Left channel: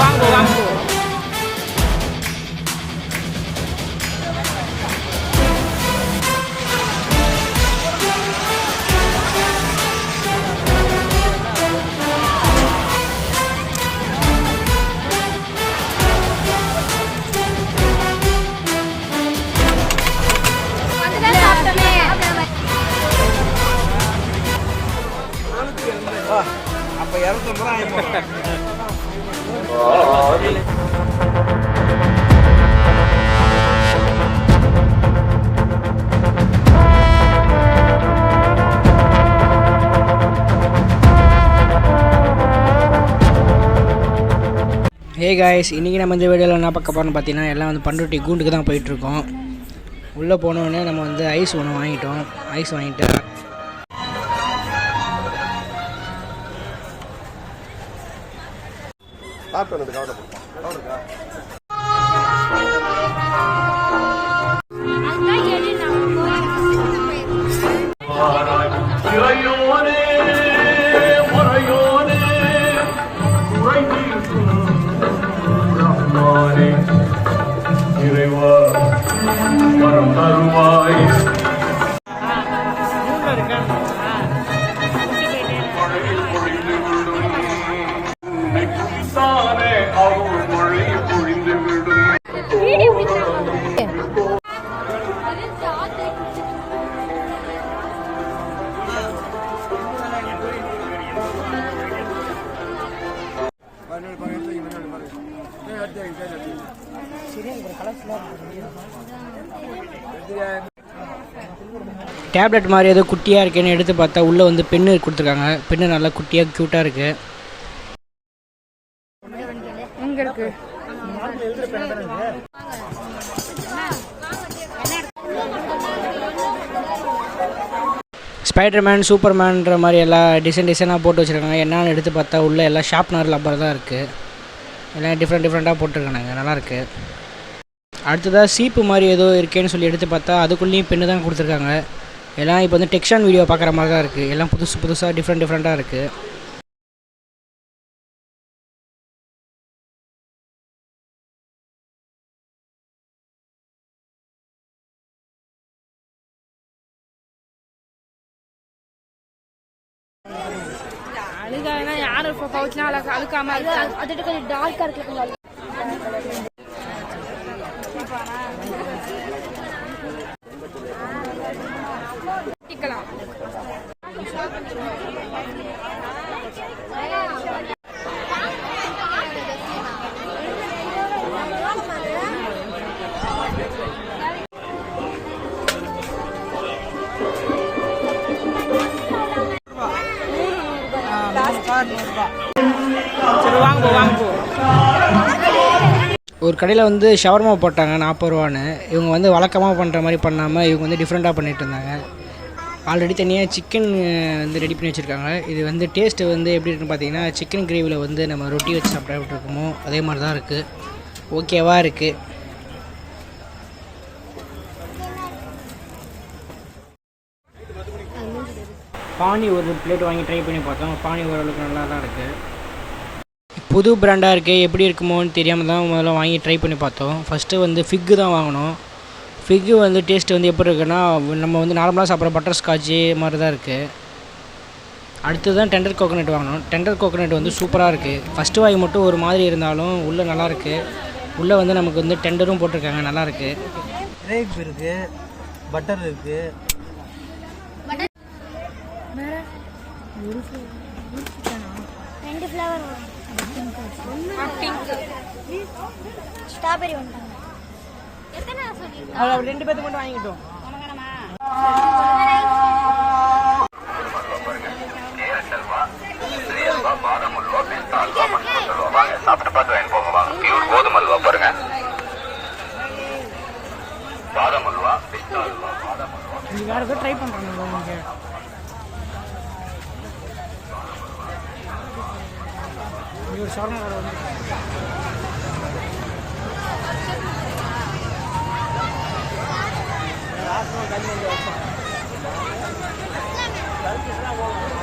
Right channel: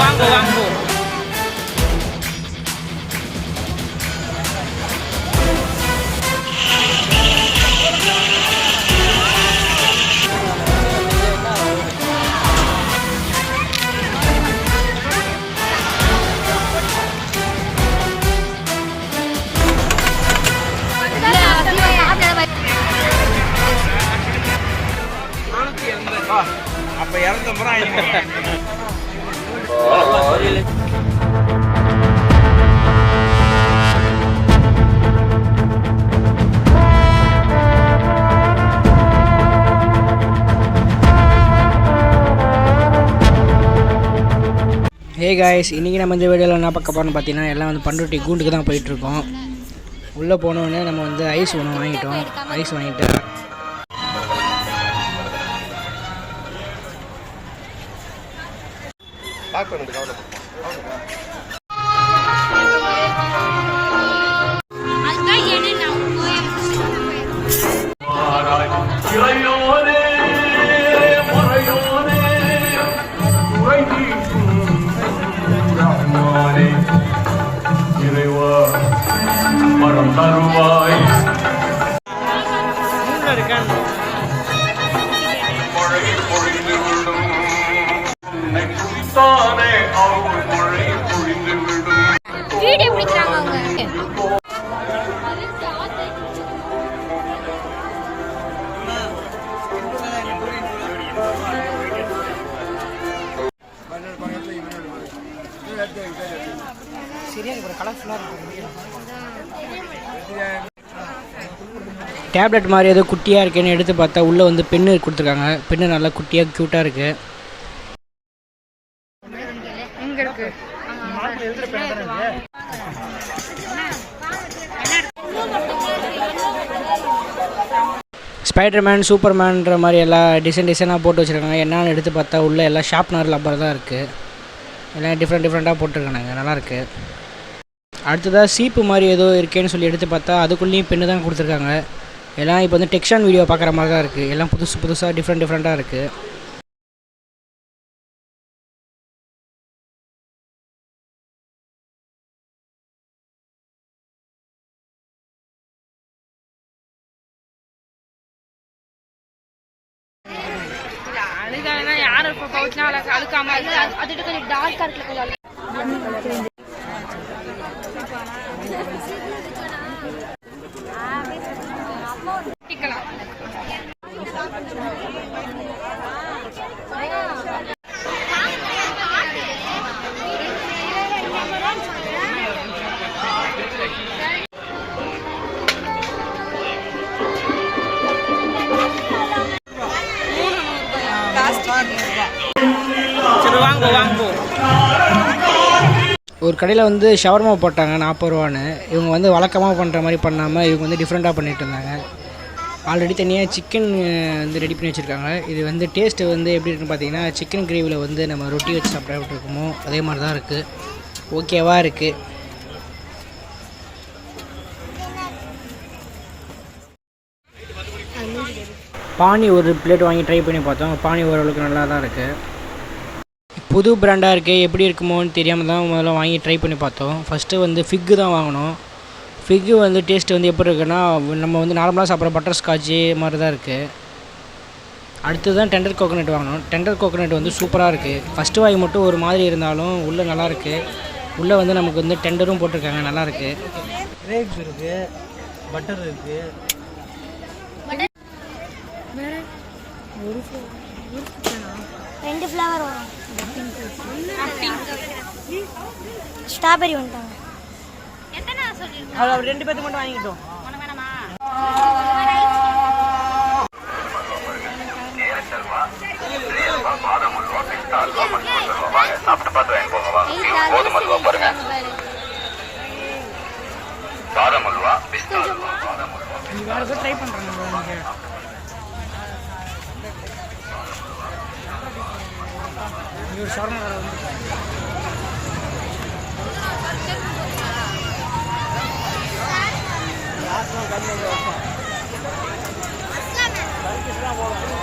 வாங்கோ வாங்கோ. அப்ப 250 ரூபாய். ஹே காய்ஸ், இன்றைக்கி நம்ம இந்த வீடியோவில் என்ன பார்க்க போகிறோம்னு பார்த்தீங்கன்னா எல்லாம் வந்து பண்ருட்டி கூண்டுக்கு தான் போயிட்டுருக்கோம். உள்ளே போனோடனே நம்ம வந்து ஐஸ் ஒன்று வாங்கிட்டோம். ஐஸ் வாங்கிட்டு டேப்லெட் மாதிரி ஏதோ குட்டியாக இருக்குன்னு எடுத்து பார்த்தா உள்ளே வந்து பென்னு கொடுத்துருக்காங்க. பென்னு நல்லா குட்டியாக க்யூட்டாக இருக்குது. ஸ்பைடர்மேன், சூப்பர்மேன்ற மாதிரி எல்லாம் டிசைனாக போட்டு வச்சுருக்காங்க. என்னென்னு எடுத்து பார்த்தா உள்ளே எல்லாம் ஷார்ப்னர் லப்பர் தான் இருக்குது. எல்லாம் டிஃப்ரெண்ட்டாக போட்டிருக்காங்க. நல்லாயிருக்கு. அடுத்ததாக சீப்பு மாதிரி ஏதோ இருக்கேன்னு சொல்லி எடுத்து பார்த்தா அதுக்குள்ளேயும் பெண்ணு தான் கொடுத்துருக்காங்க. எல்லாம் இப்போ வந்து டெக்ஸ்டான் வீடியோ பார்க்குற மாதிரி தான் இருக்குது. எல்லாம் புதுசாக டிஃப்ரெண்ட்டாக இருக்குது. யாரும் அழுக்காம அதுட்டு கொஞ்சம் டார்க்கா இருக்கு. சரி வாங்கோ. ஒரு கடையில் வந்து ஷவர்மா போட்டாங்க 40 ரூபான்னு. இவங்க வந்து வழக்கமாக பண்ணுற மாதிரி பண்ணாமல் இவங்க வந்து டிஃப்ரெண்ட்டாக பண்ணிகிட்டு இருந்தாங்க. ஆல்ரெடி தனியாக சிக்கன் வந்து ரெடி பண்ணி வச்சுருக்காங்க. இது வந்து டேஸ்ட்டு வந்து எப்படி இருக்குன்னு பார்த்தீங்கன்னா சிக்கன் கிரேவியில் வந்து நம்ம ரொட்டி வச்சு சாப்பிட்டா எப்படி இருக்குமோ அதே மாதிரி தான் இருக்குது. ஓகேவாக இருக்குது. பானி ஒரு பிளேட் வாங்கி ட்ரை பண்ணி பார்த்தோம். பானி ஓரளவுக்கு நல்லா தான் இருக்குது. புது பிராண்டாக இருக்குது, எப்படி இருக்குமோன்னு தெரியாமல் தான் முதல்ல வாங்கி ட்ரை பண்ணி பார்த்தோம். ஃபஸ்ட்டு வந்து ஃபிக்கு தான் வாங்கினோம். ஃபிக்கு வந்து டேஸ்ட்டு வந்து எப்படி இருக்குன்னா நம்ம வந்து நார்மலாக சாப்பிட்ற பட்டர் ஸ்காட்சு மாதிரி தான் இருக்குது. அடுத்து தான் டெண்டர் கோகோனட் வாங்கினோம். டெண்டர் கோகோனட் வந்து சூப்பராக இருக்குது. ஃபஸ்ட்டு வாய் மட்டும் ஒரு மாதிரி இருந்தாலும் உள்ளே நல்லாயிருக்கு. உள்ளே வந்து நமக்கு வந்து டெண்டரும் போட்டிருக்காங்க, நல்லாயிருக்கு. கிரேப்ஸ் இருக்குது, பட்டர் இருக்குது. ரெண்டு ஃப்ளவர் வரும். ஸ்ட்ராபெரி வந்துட்டாங்க. எத்தனை சொல்லிருக்கீங்க? அவ்வளோ 2 பேருக்கு மட்டும் வாங்கிட்டோம். வேணாமா? கோதுமை அல்வா பாருங்க. பாதாம் அல்வா, பிஸ்தா அல்வா, பாதாம் அல்வா. இது வேறு ஏதோ ட்ரை பண்ணுறாங்க. இங்கே ஒரு ஷவர்மா கடை வந்து லாஸ்ட்லாம் கல்வி வைப்போம். கல்விலாம் போடுவோம்.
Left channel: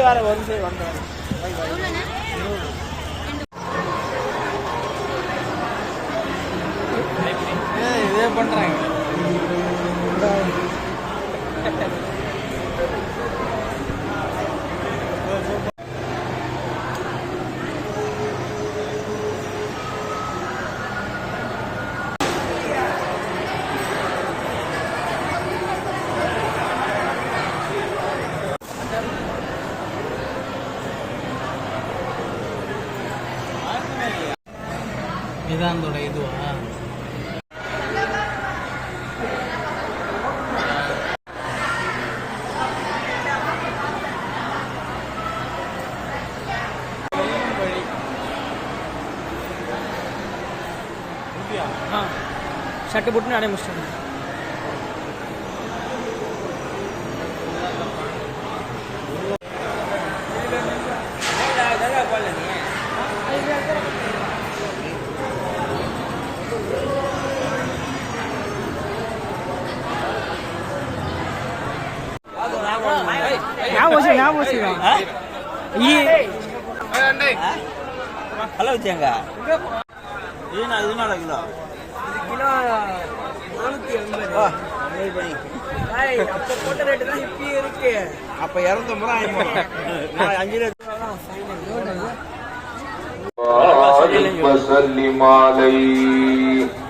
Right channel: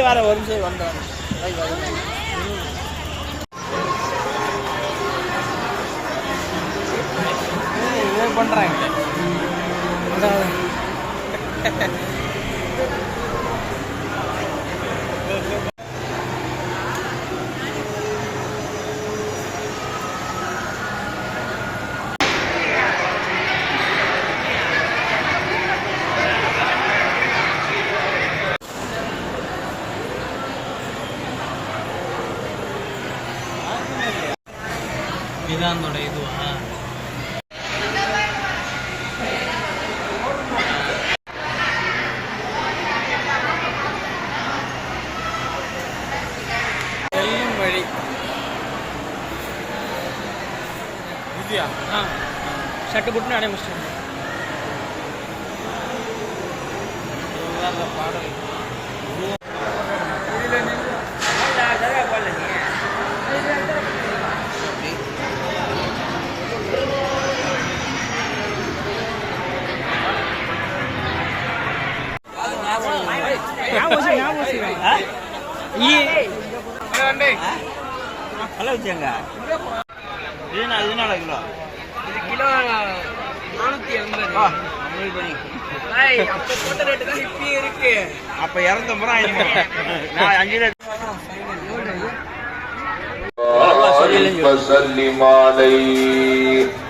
வர ஒரு நிமிஷம் வந்தேன் இதே பண்றாங்க இதான் அதோட இதுவா வழி ஷர்ட்டு போட்டு அடைய முடிச்சிட்டாங்க. ஹலோ வச்சாங்க இது 4 கிலோ இது கிலோ 480 அப்ப போட்ட ரேட்டு தான் இப்பயும் இருக்கு அப்ப 250 ரூபாய் 5 وسلم عليه